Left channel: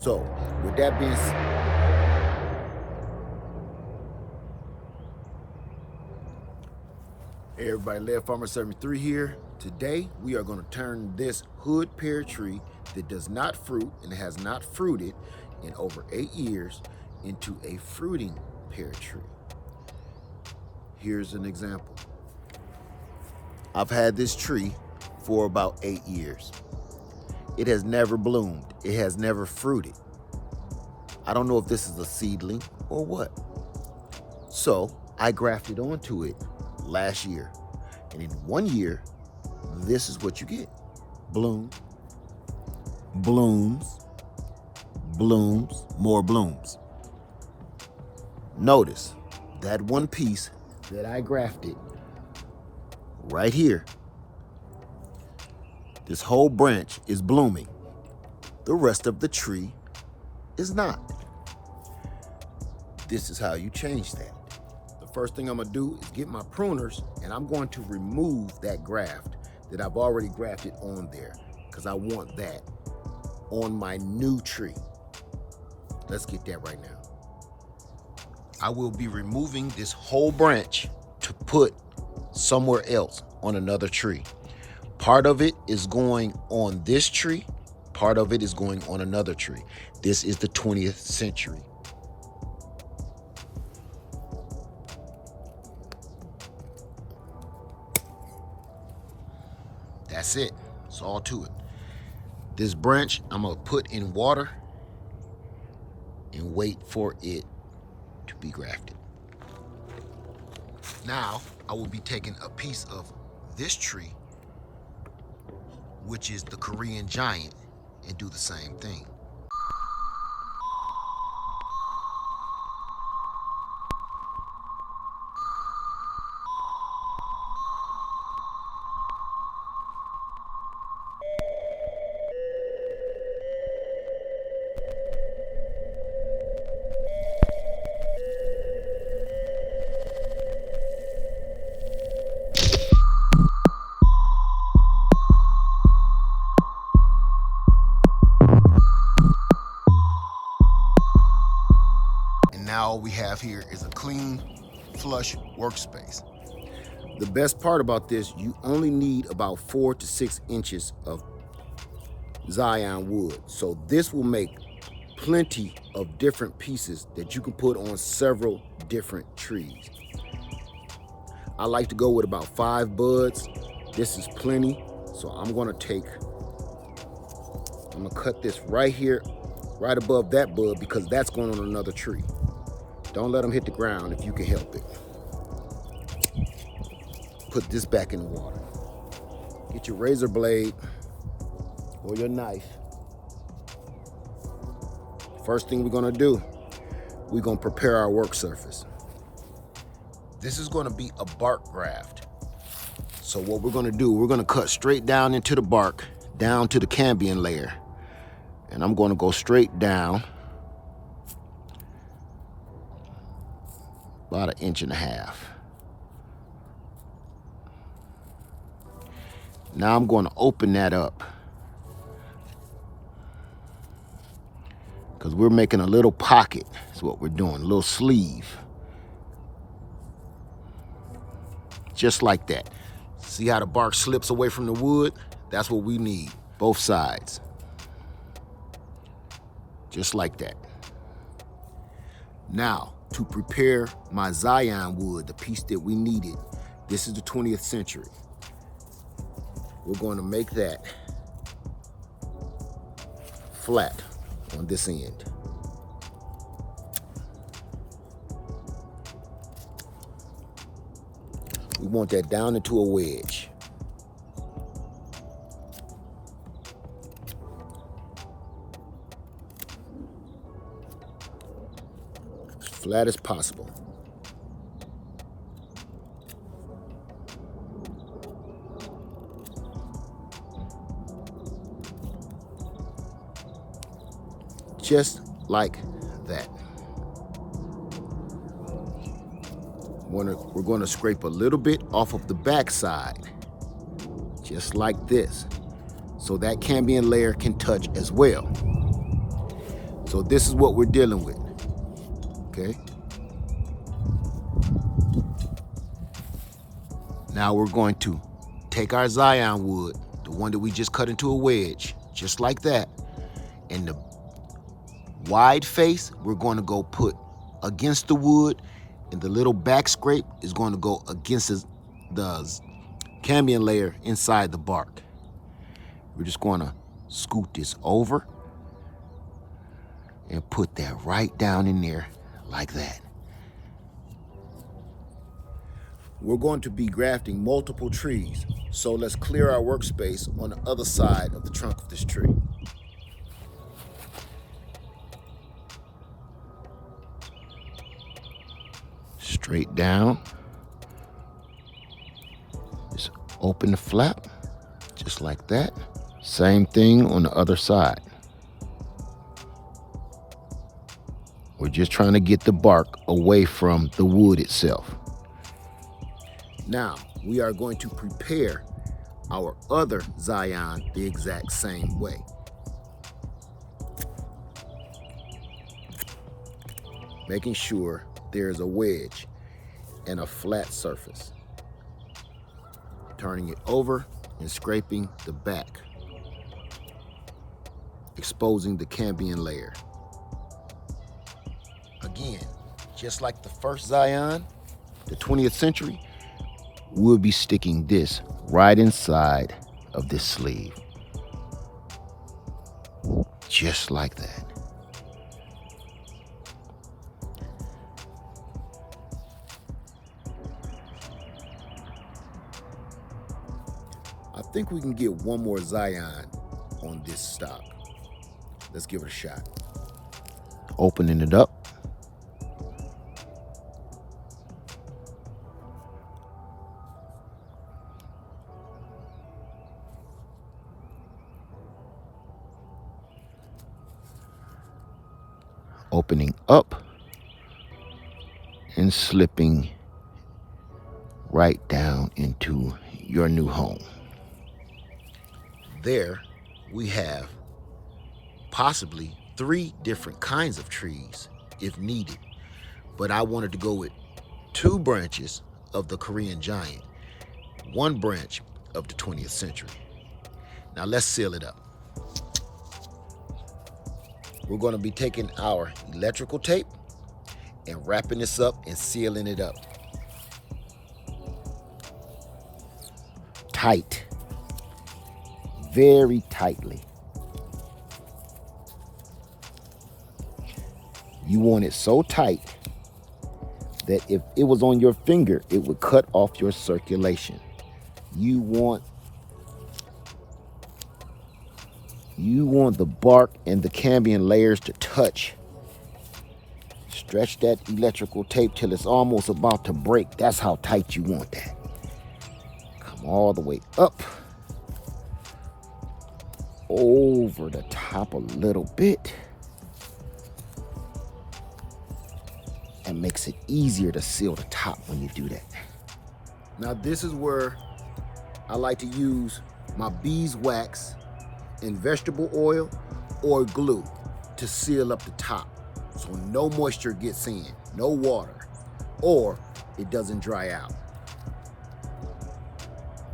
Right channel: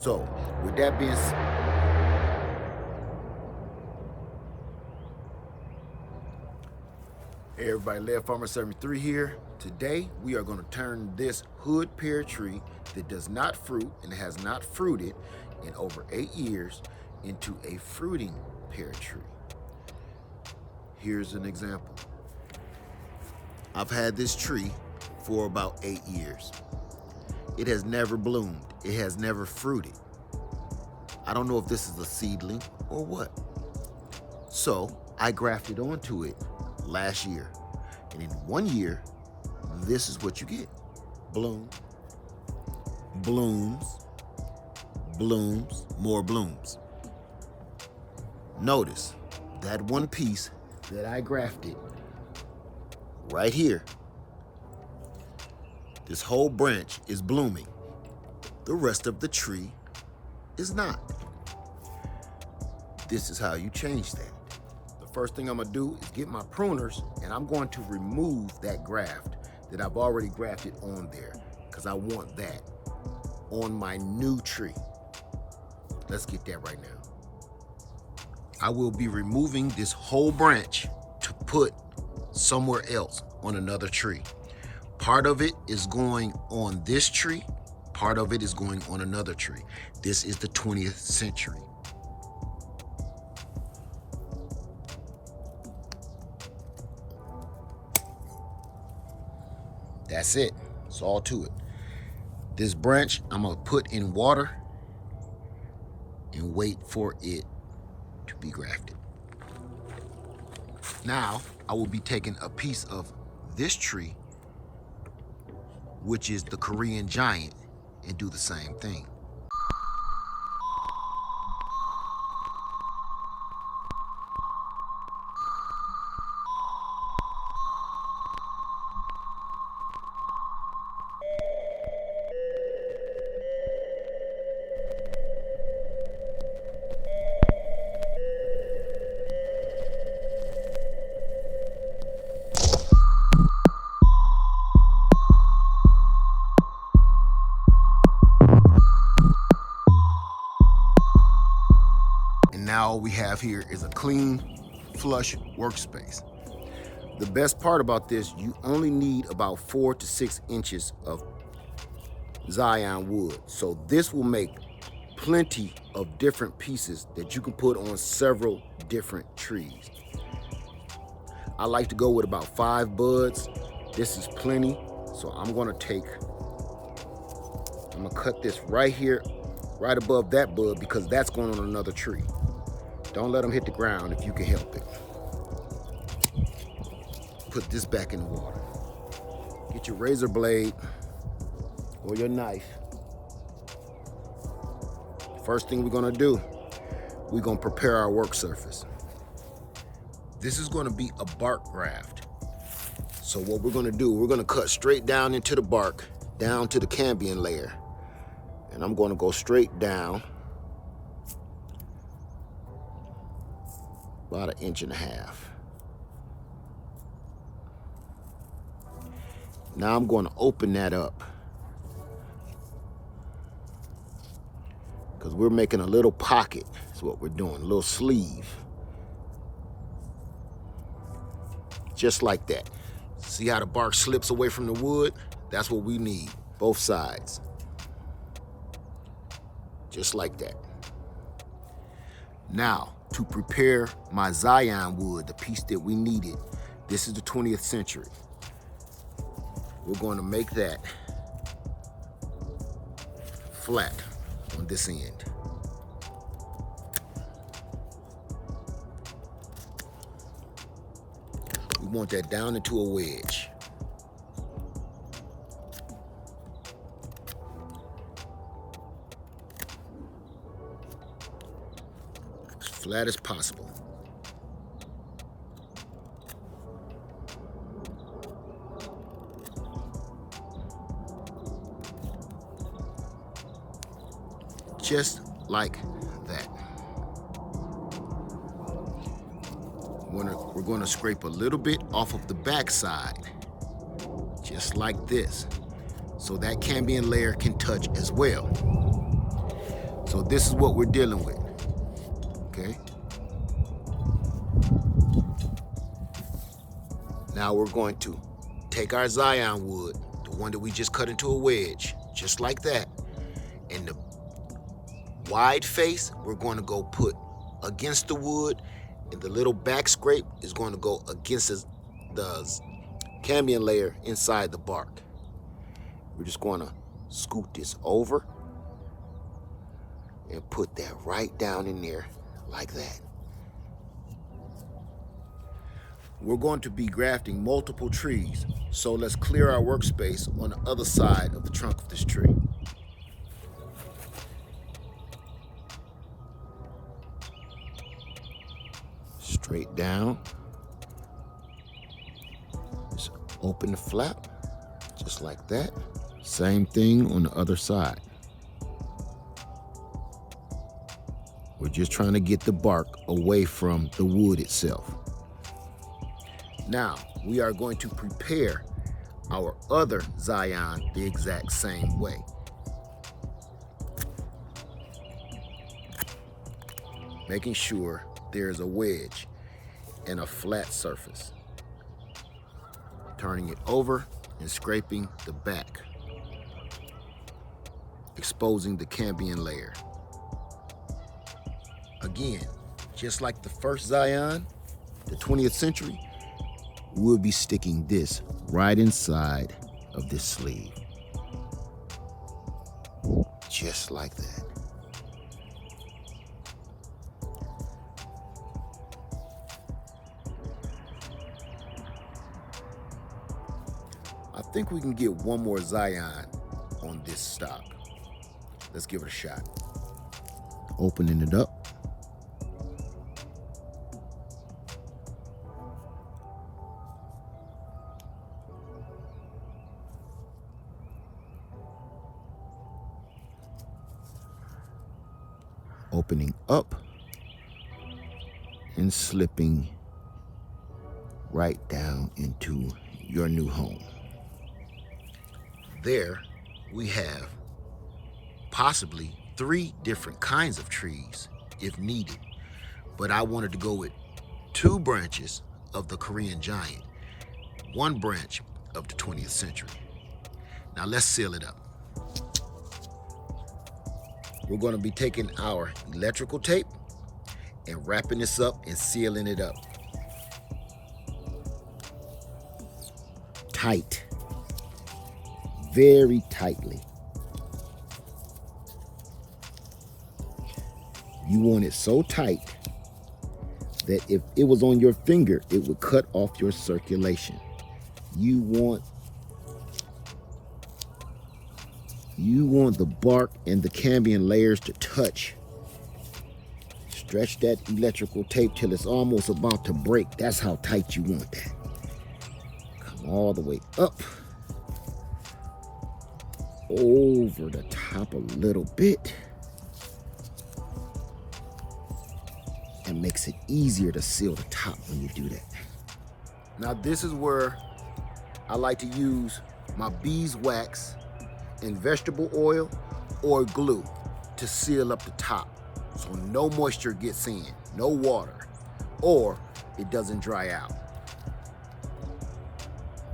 So, with that being said, hey everybody, Lead Farmer 73 here. Today, we are going to turn this hood pear tree that does not fruit and has not fruited in over 8 years into a fruiting pear tree. Here's an example. I've had this tree for about 8 years. It has never bloomed. It has never fruited. I don't know if this is a seedling or what. So I grafted onto it last year. And in 1 year, this is what you get. Bloom, blooms, blooms, more blooms. Notice that one piece that I grafted right here. This whole branch is blooming. The rest of the tree is not. This is how you change that. The first thing I'm gonna do is get my pruners and I'm going to remove that graft that I've already grafted on there because I want that on my new tree. Let's get that right now. I will be removing this whole branch to put somewhere else on another tree. Part of it is going on this tree, part of it is going on another tree. This is the 20th century. That's it. It's all to it. This branch I'm gonna put in water and wait for it to be grafted. Now I will be taking a piece of this tree, which is the Korean giant, and do the same thing. Now all we have here is a clean, flush workspace. The best part about this, you only need about 4 to 6 inches of Zion wood. So this will make plenty of different pieces that you can put on several different trees. I like to go with about 5 buds. This is plenty. So I'm gonna cut this right here, right above that bud, because that's going on another tree. Don't let them hit the ground if you can help it. Put this back in the water. Get your razor blade or your knife. First thing we're gonna do, we're gonna prepare our work surface. This is gonna be a bark graft. So what we're gonna do, we're gonna cut straight down into the bark, down to the cambium layer. And I'm gonna go straight down about 1.5 inches. Now I'm going to open that up because we're making a little pocket. That's what we're doing, a little sleeve. Just like that. See how the bark slips away from the wood? That's what we need, both sides. Just like that. Now, to prepare my Zion wood, the piece that we needed, this is the 20th century. We're going to make that flat on this end. We want that down into a wedge. As flat as possible. Just like that. We're going to scrape a little bit off of the back side, just like this, so that cambium layer can touch as well. So this is what we're dealing with, okay? Now we're going to take our Zion wood, the one that we just cut into a wedge, just like that. And the wide face, we're going to go put against the wood, and the little back scrape is going to go against the cambium layer inside the bark. We're just going to scoot this over and put that right down in there like that. We're going to be grafting multiple trees, so let's clear our workspace on the other side of the trunk of this tree. Straight down. Just open the flap, just like that. Same thing on the other side. We're just trying to get the bark away from the wood itself. Now, we are going to prepare our other Zion the exact same way. Making sure there's a wedge and a flat surface. Turning it over and scraping the back, exposing the cambium layer. Again, just like the first Zion, the 20th century, we'll be sticking this right inside of this sleeve. Just like that. I think we can get one more Zion on this stock. Let's give it a shot. Opening it up. Opening up and slipping right down into your new home. There we have possibly 3 different kinds of trees if needed, but I wanted to go with 2 branches of the Korean giant, 1 branch of the 20th century. Now let's seal it up. We're going to be taking our electrical tape and wrapping this up and sealing it up. Tight. Very tightly. You want it so tight that if it was on your finger, it would cut off your circulation. You want the bark and the cambium layers to touch. Stretch that electrical tape till it's almost about to break. That's how tight you want that. Come all the way up. Over the top a little bit. That makes it easier to seal the top when you do that. Now this is where I like to use my beeswax and vegetable oil or glue to seal up the top so no moisture gets in, no water, or it doesn't dry out.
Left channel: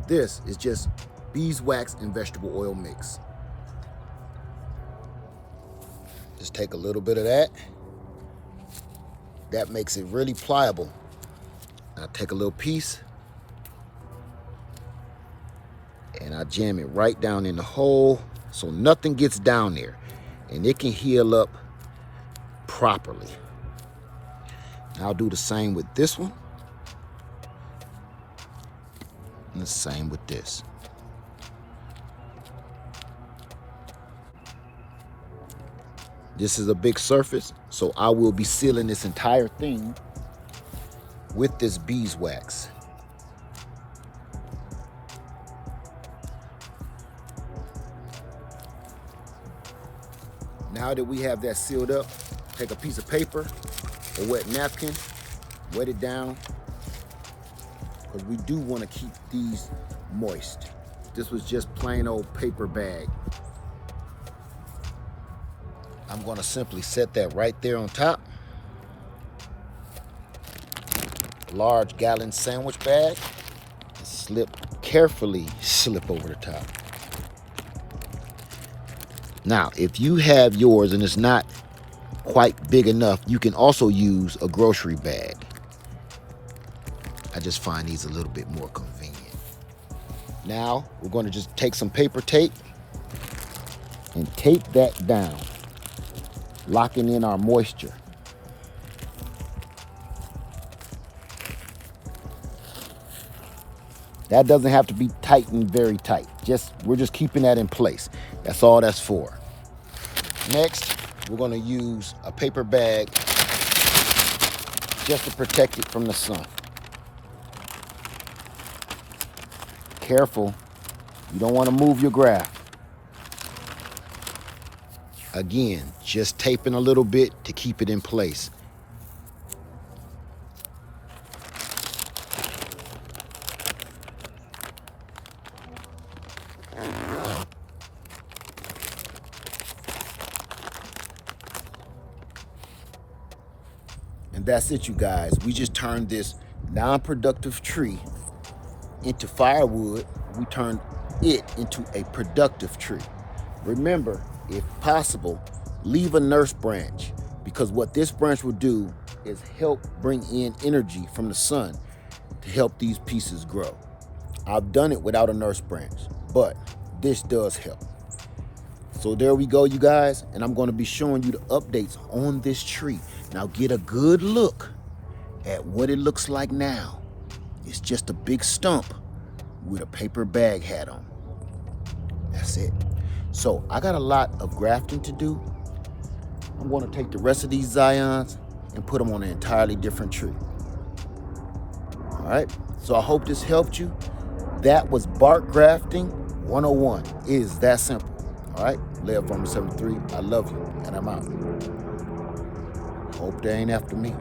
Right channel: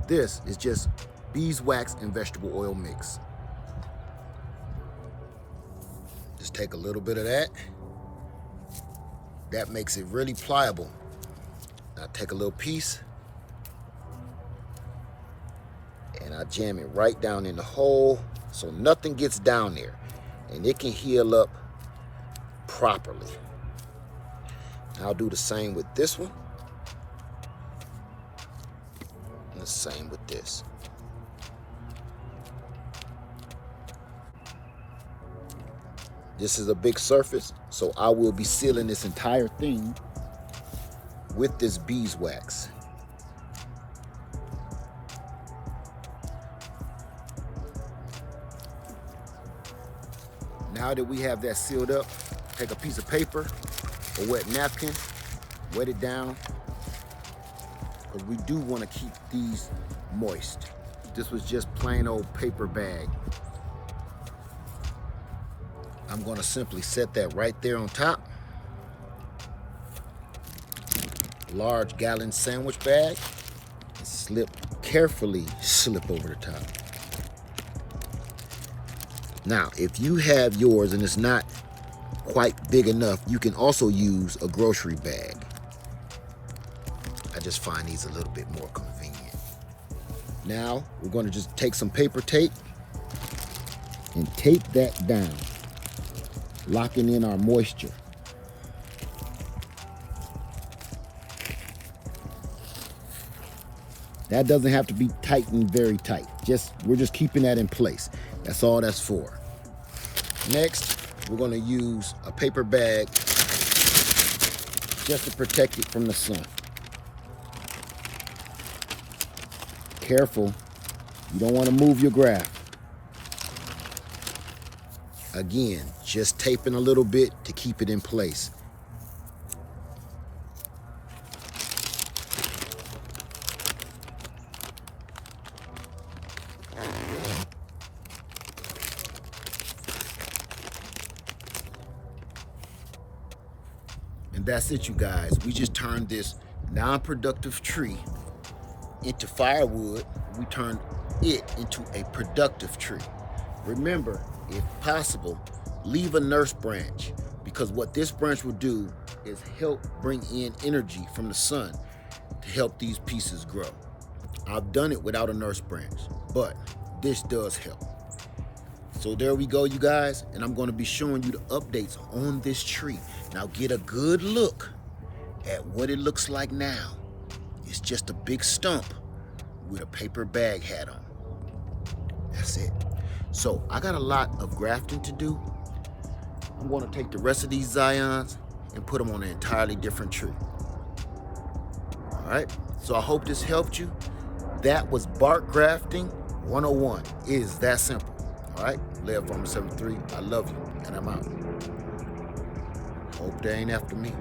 This is just beeswax and vegetable oil mix. Just take a little bit of that. That makes it really pliable. I take a little piece and I jam it right down in the hole so nothing gets down there and it can heal up properly. I'll do the same with this one and the same with this. This is a big surface, so I will be sealing this entire thing with this beeswax. Now that we have that sealed up, take a piece of paper, a wet napkin, wet it down, because we do want to keep these moist. This was just plain old paper bag. I'm going to simply set that right there on top. Large gallon sandwich bag. Carefully slip over the top. Now, if you have yours and it's not quite big enough, you can also use a grocery bag. I just find these a little bit more convenient. Now, we're going to just take some paper tape and tape that down, locking in our moisture. That doesn't have to be tightened very tight. We're just keeping that in place. That's all that's for. Next, we're going to use a paper bag just to protect it from the sun. Careful, you don't want to move your graft. Again, just taping a little bit to keep it in place. And that's it, you guys. We just turned this non-productive tree into firewood. We turned it into a productive tree. Remember, if possible, leave a nurse branch, because what this branch will do is help bring in energy from the sun to help these pieces grow. I've done it without a nurse branch, but this does help. So there we go, you guys, and I'm going to be showing you the updates on this tree. Now get a good look at what it looks like now. It's just a big stump with a paper bag hat on. That's it. So I got a lot of grafting to do. I'm going to take the rest of these Zions and put them on an entirely different tree. All right, so I hope this helped you. That was bark grafting 101. It is that simple. All right, Lev Farmer 73, I love you, and I'm out. Hope they ain't after me.